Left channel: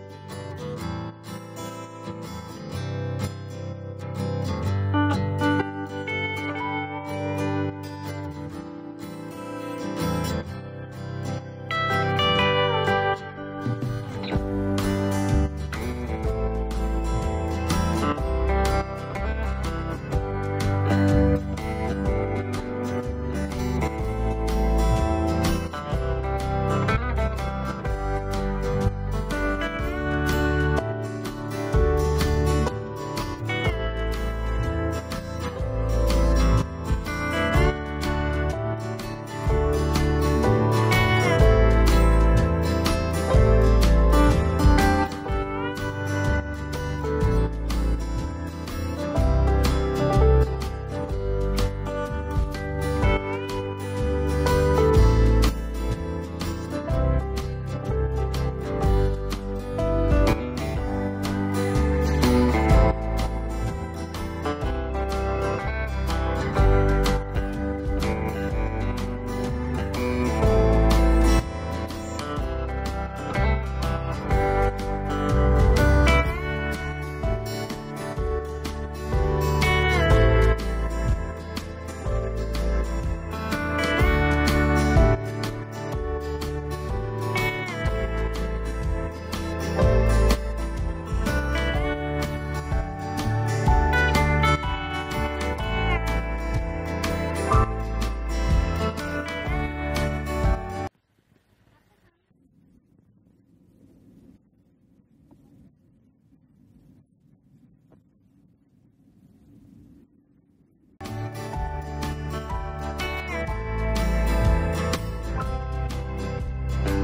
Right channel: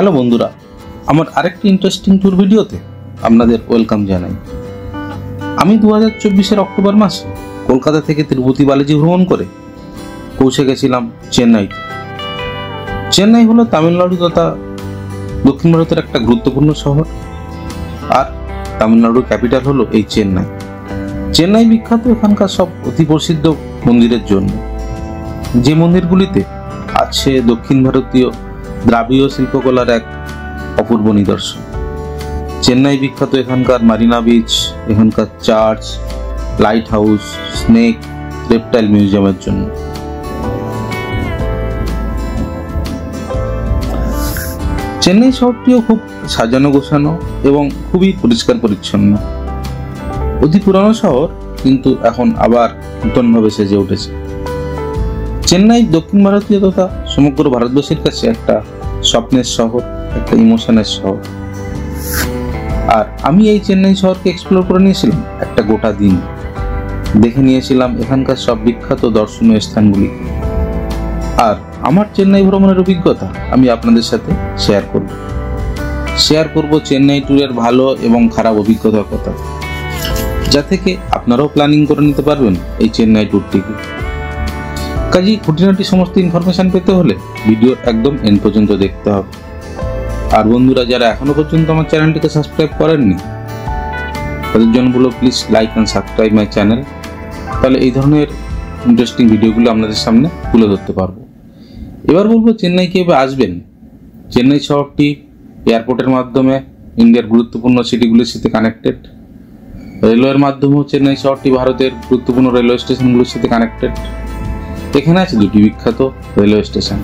Hello বন্ধুরা, আমার আরেকটি ইন্টারেস্টিং ট্যুর ভিডিওতে আপনাদের ওয়েলকাম জানাই। আমি 2024-এর অক্টোবর মাসে কলকাতা থেকে তিরুপতি বালাজি ভ্রমণ করে পৌঁছে গেছিলাম চেন্নাই। চেন্নাই হলো তামিলনাড়ু তথা দক্ষিণ ভারতের একটা গুরুত্বপূর্ণ শহর, আর তামিলনাড়ুর ক্যাপিটাল হলো এই চেন্নাই। চেন্নাই বিখ্যাত এখানকার সব অতি প্রসিদ্ধ মন্দিরের জন্য, যে মন্দিরগুলিতে আছে দক্ষিণ ভারতীয় দ্রাবিড় শিল্পকলার এক অপূর্ব নিদর্শন। চেন্নাই বিখ্যাত এখানকার মারিনা বিচ, এখানকার church, light house, snake, reptile মিউজিয়ামের জন্য। চেন্নাই শহরটিও খুব সাজানো গোছানো এবং খুবই পরিষ্কার পরিচ্ছন্ন। অতি পুরানো শহর, কিন্তু এখন আবার নতুনভাবে সেজে উঠেছে। চেন্নাই দক্ষিণ ভারতীয় তথা সমগ্র ভারতবর্ষের কাছে একটা স্বপ্নের শহর, একটা ইমোশনের শহর। আর আমি এই চেন্নাই শহরকে এক্সপ্লোর করে নিয়েছিলাম একটা গোটা দিন। দেখে নিয়েছিলাম এখানকার সব বিখ্যাত দর্শনীয় স্থানগুলি। আর আমার চেন্নাই ভ্রমণের অভিজ্ঞতা আমি আপনাদের সাথে শেয়ার করব চেন্নাই ট্যুরের ভালো এবং খারাপ অভিজ্ঞতার কথা, যা থেকে আপনারাও প্ল্যানিং করে নিতে পারবেন এই চেন্নাই ট্যুরটিকে। কাজেই খুঁটিনাটি সমস্ত ইনফরমেশন পেতে হলে ভিডিও একদম এন্ড পর্যন্ত দেখতে হবে। আর বন্ধুরা, যারা এখনো পর্যন্ত আমার চ্যানেলটিকে সাবস্ক্রাইব করেননি, তাদের জন্য বলবো please like and subscribe my channel. তাহলে এই ধরনের ইন্টারেস্টিং ভিডিওগুলো আপনাদের সামনে তুলে ধরতে পারবো। এবার বলবো চেন্নাই কিভাবে আসবেন। চেন্নাই শহরটি এয়ারপোর্টের মাধ্যমে ইন্ডিয়ার গুরুত্বপূর্ণ সিটিগুলির সাথে কানেক্টেড। রেলওয়ের মাধ্যমেও চেন্নাই শহরটি ভারতের গুরুত্বপূর্ণ রেলওয়ে স্টেশনগুলির সাথে কানেক্টেড। এখানে আছে দুটি বিখ্যাত রেলওয়ে স্টেশন,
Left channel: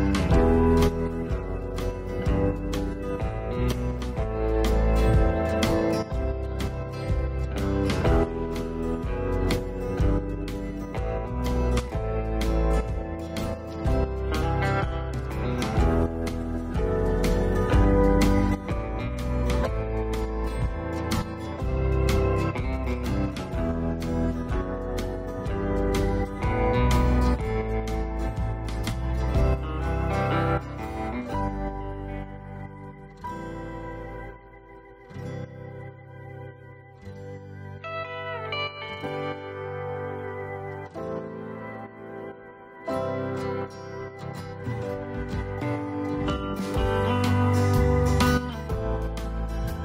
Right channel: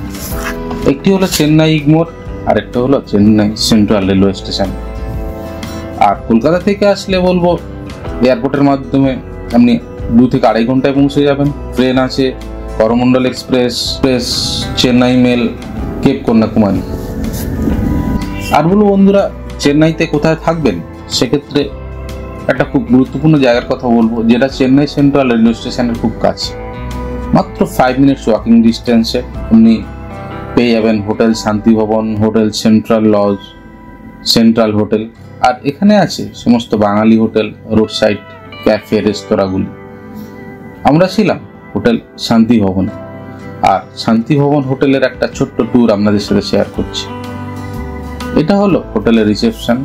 একটি হলো চেন্নাই ইগমোর আর একটা হলো চেন্নাই সেন্ট্রাল রেলওয়ে স্টেশন। আর কলকাতা থেকে আসলে বলবো এয়ারপোর্টের মাধ্যমে আপনি 2 থেকে 2.5 ঘন্টায় পৌঁছে যাবেন। ট্রেন আছে Coromandel express, Chennai mail, cape Kanyakumari. আর বলবো বন্ধুরা, চেন্নাইতে কোথায় থাকবেন সেক্ষেত্রে একটা খুব গুরুত্বপূর্ণ জায়গার কথা বলবো, যেটা চেন্নাই সেন্ট্রাল রেলওয়ে স্টেশনের খুব কাছে। মাত্র 5 মিনিটস ওয়াকিং ডিস্টেন্সে আপনি পেয়ে যাবেন hotel Shanti Bhavan, hotel central lodge, central hotel. আর এখানে আছে সমস্ত বাঙালি হোটেল, রোড সাইড ক্যাফে, রেস্তোরাঁগুলি। আমরা ছিলাম হোটেল শান্তি ভবন, আর শান্তি ভবন হোটেলের একটা ছোট্ট ট্যুর আপনাদের সাথে শেয়ার করছি। এটা হলো হোটেলের রিসেপশন।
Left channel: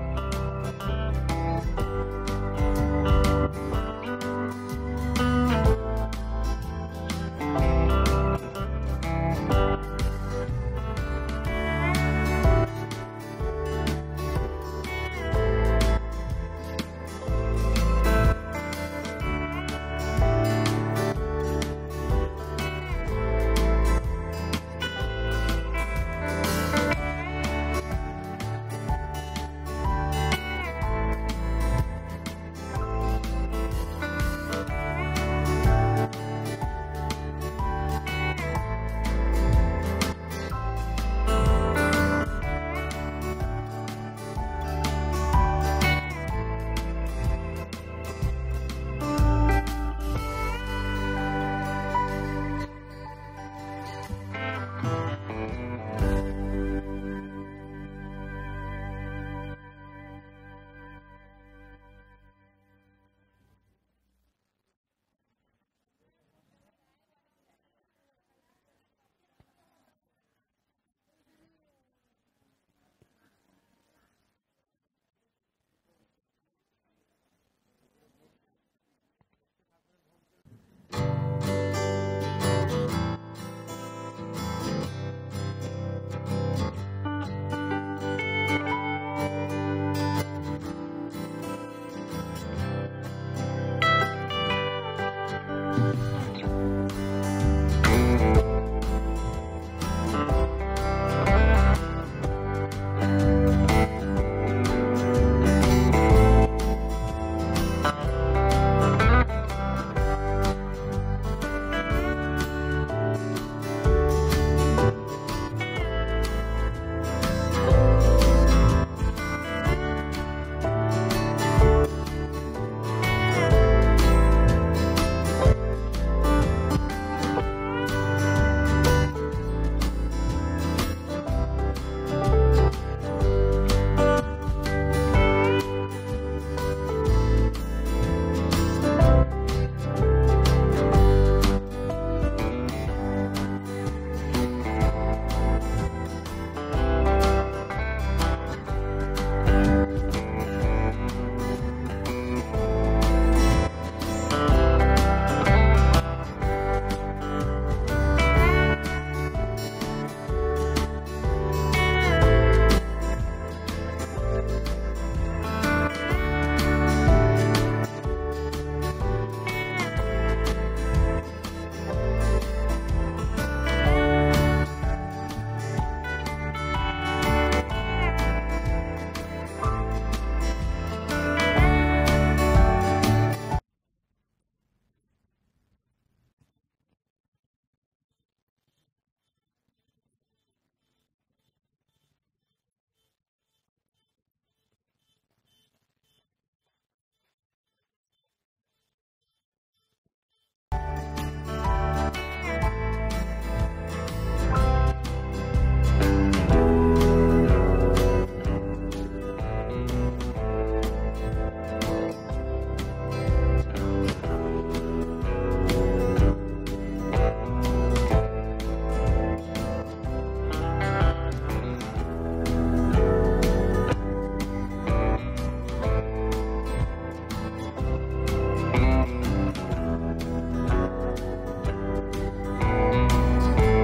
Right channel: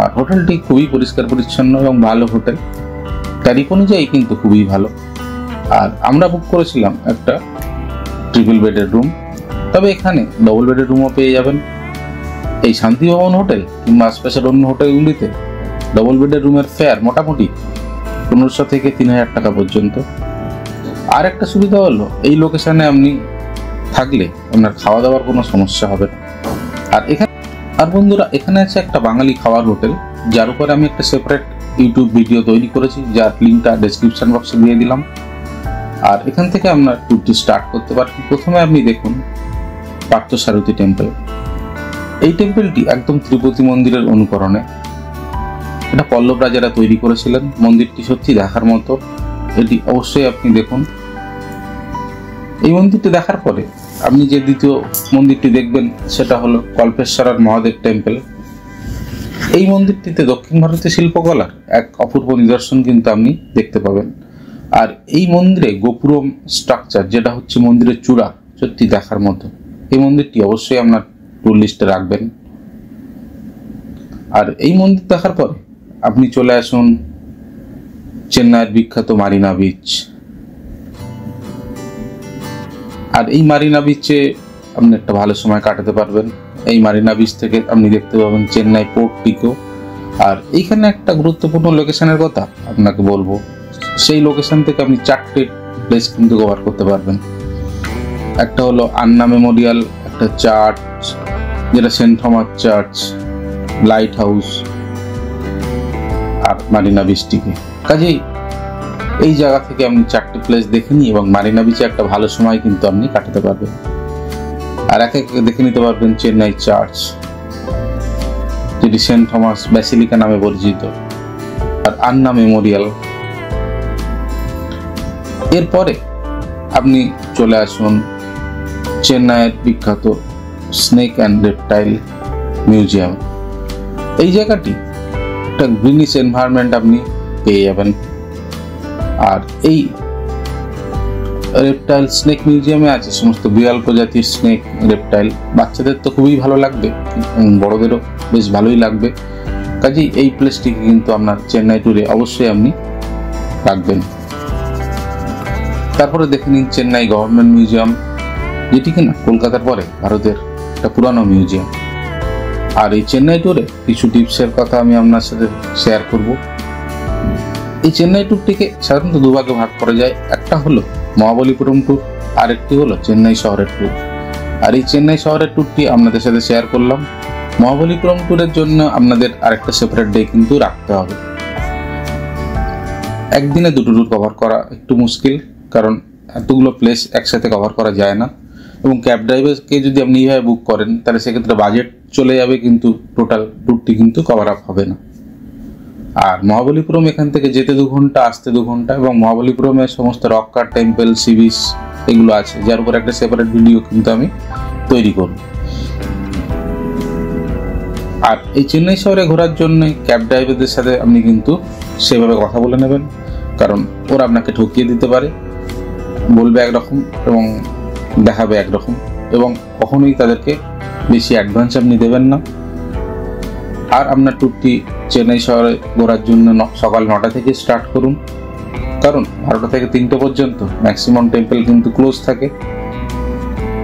আর হোটেলটি খুবই পরিষ্কার পরিচ্ছন্ন এবং ভালো হোটেল, তারিখ অনুযায়ী কিন্তু খুবই ভালো। আর আমরা বুক করেছিলাম একটা ট্রিপল বেডের রুম, তবে এখানে ডবল বেডের রুমও পেয়ে যাবেন। এই শান্তি ভবন হোটেল কিংবা আশপাশের অন্য হোটেলগুলিতে ডবল বেডের রুমের ফেয়ার মোটামুটি 1500 থেকে 3000 টাকা পর্যন্ত। আর একটা সুবিধা হলো এই লোকেশনে আপনি থাকলে আপনার খাওয়া দাওয়ার কোনো সমস্যা হবে। আর বন্ধুরা, এখানে আছে একটা বাঙালি খাওয়ার হোটেল, যার উপরে আমি একটা সেপারেট ইউটিউব ভিডিও তৈরি করেছি, যার লিঙ্কটা ডেসক্রিপশন বক্সে দিয়ে দিলাম। আর এখান থেকে আপনার ট্যুরটি স্টার্ট করতে পারবেন। প্রথমে আপনি দেখুন পার্থসারথী টেম্পল। এই টেম্পলটি একদম তিরুপতি মন্দিরের অনুকরণে। এটা পল্লব রাজারা তৈরি করেছিলেন। মন্দিরটি সত্যি দেখার মতো, এটি অবশ্যই আপনি দেখুন। এই মন্দিরটি দেখার পরে আপনি যে দ্বিতীয় মন্দিরটি দেখবেন সেটা হলো কল্পেশ্বর মহাদেব টেম্পল। এই মন্দিরটিতে দক্ষিণ ভারতীয় শিল্পকলার এক অপূর্ব নিদর্শন কিন্তু আপনি দেখতে পাবেন। আর এই মন্দিরে গোপুরম স্ট্রাকচার, যেটা হচ্ছে মন্দিরের চূড়া, সত্যি দেখার মতো। এই মন্দিরটি অবশ্যই আপনার ট্যুর লিস্টে রাখবেন। আর এই মন্দির দেখার পরে আপনি চলে আসুন চেন্নাইয়ের বিখ্যাত মারিনা বিচ। আর এই মারিনা বিচে আপনি একটা ভালো সময় কাটাতে পারবেন। এই মারিনা বিচ থেকে আপনি দেখতে পাবেন চেন্নাই পোর্টটিকেও। আর এইখানে একটা গুরুত্বপূর্ণ লোকেশনের কথা আপনাকে বলবো, সেই লোকেশন থেকে আপনি 4টে প্লেস কিন্তু কভার করতে পারবেন। একটা হলো আন্না মেমোরিয়াল, একটা চার্চ যেটা saint Thomas church, light house, আর মারিনা বিচটিকে। কাজেই এই জায়গা থেকে আপনি 4টে প্লেস দেখে নিন এবং মারিনা বিচে একটা ভালো সময় কিন্তু আপনি কাটাতে পারবেন। আর একে একে দেখে নিতে পারবেন চেন্নাই চার্চ, যেটি সেন্ট থমাস ব্যাসিলিকা নামে পরিচিত, আর আন্না মেমোরিয়াল। এরপরে আপনি চলে আসুন চেন্নাইয়ের বিখ্যাত স্নেক অ্যান্ড রেপটাইল মিউজিয়াম। এই জায়গাটি একটা গ্রিনিশ এনভায়রনমেন্ট আপনি পেয়ে যাবেন। আর এই রেপটাইল স্নেক মিউজিয়ামে আছে সমস্ত বিরল প্রজাতির স্নেক রেপটাইল। বাচ্চাদের তো খুবই ভালো লাগবে, বড়দেরও বেশ ভালোই লাগবে। কাজেই এই প্লেসটিকে কিন্তু আপনার চেন্নাই ট্যুরে অবশ্যই আপনি রাখবেন। তারপরে দেখে নিন চেন্নাই গভর্নমেন্ট মিউজিয়াম, যেটি কিনা কলকাতার পরে ভারতের একটা পুরানো মিউজিয়াম। আর এই চেন্নাই ট্যুরে কিছু টিপসের কথা আমি আপনার সাথে শেয়ার করব। এই চেন্নাই ট্যুরটিকে সাধারণত দুভাগে ভাগ করা যায়। একটা হলো মহাবলীপুরম ট্যুর, আর একটি হলো চেন্নাই শহরের ট্যুর। আর এই চেন্নাই শহরের ট্যুরটি আপনাদের সাথে শেয়ার করলাম। মহাবলীপুরম ট্যুরের জন্য আপনাদের আরেকটা সেপারেট ডে কিন্তু রাখতে হবে। একদিনে দুটো ট্যুর কভার করা একটু মুশকিল, কারণ এতগুলো প্লেস একসাথে কভার করা যায় না। এবং ক্যাব ড্রাইভারকে যদি আপনি এইভাবে বুক করেন তাহলে সেক্ষেত্রে বাজেট চলে যাবে, কিন্তু টোটাল ট্যুরটি কিন্তু কভার আপ হবে না। আর মহাবলীপুরম এখান থেকে যেতে 2 ঘন্টা, আসতে 2 ঘন্টা, এবং মহাবলীপুরমের সমস্ত রক কাট, টেম্পল, সি বিচ এগুলো আছে, যার উপর একটা সেপারেট ভিডিও কিন্তু আমি তৈরি করব। আর এই চেন্নাই শহরে ঘোরার জন্য ক্যাব ড্রাইভারদের সাথে আপনি কিন্তু সেভাবে কথা বলে নেবেন, কারণ ওরা আপনাকে ঠকিয়ে দিতে পারে, বলবে একরকম এবং দেখাবে একরকম, এবং কখনোই তাদেরকে বেশি অ্যাডভান্স আপনি দেবেন না। আর আপনার ট্যুরটি চেন্নাই শহরে ঘোরার জন্য সকাল 9টা থেকে স্টার্ট করুন, কারণ 12টা থেকে 3টে পর্যন্ত ম্যাক্সিমাম টেম্পল কিন্তু ক্লোজ থাকে।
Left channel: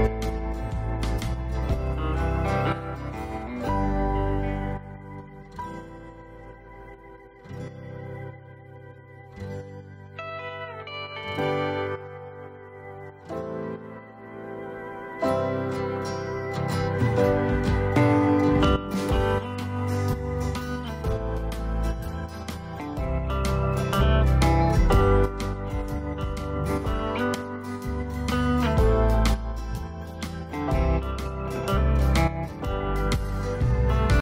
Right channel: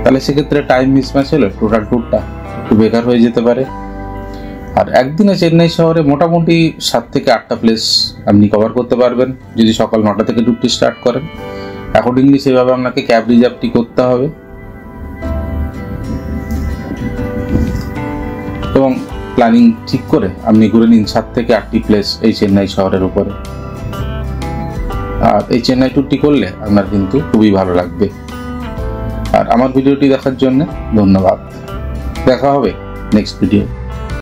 তাহলে সেক্ষেত্রে টাইম মিসম্যাচ হলে টোটাল ট্যুরটা একটু বেকার হয়ে যেতে পারে। আর একদিনে চেন্নাই শহরে মোটামুটি 7 থেকে 8টা প্লেস আপনি কভার করতে পারবেন যদি সকাল 9টা থেকে ট্যুরটি স্টার্ট করেন। অ্যাকর্ডিংলি সেভাবে আপনাকে ক্যাব রিজার্ভটি করতে হবে, এবং প্ল্যানিং ঠিক করে আপনি ঘুরে নিন 7 থেকে 8টি প্লেস এই চেন্নাই শহরের উপরে। আর এই চেন্নাই ট্যুরটি করলে আপনার কিন্তু খুবই ভালো লাগবে। আর আমার ভিডিওটি দেখার জন্য ধন্যবাদ। দেখা হবে নেক্সট ভিডিও।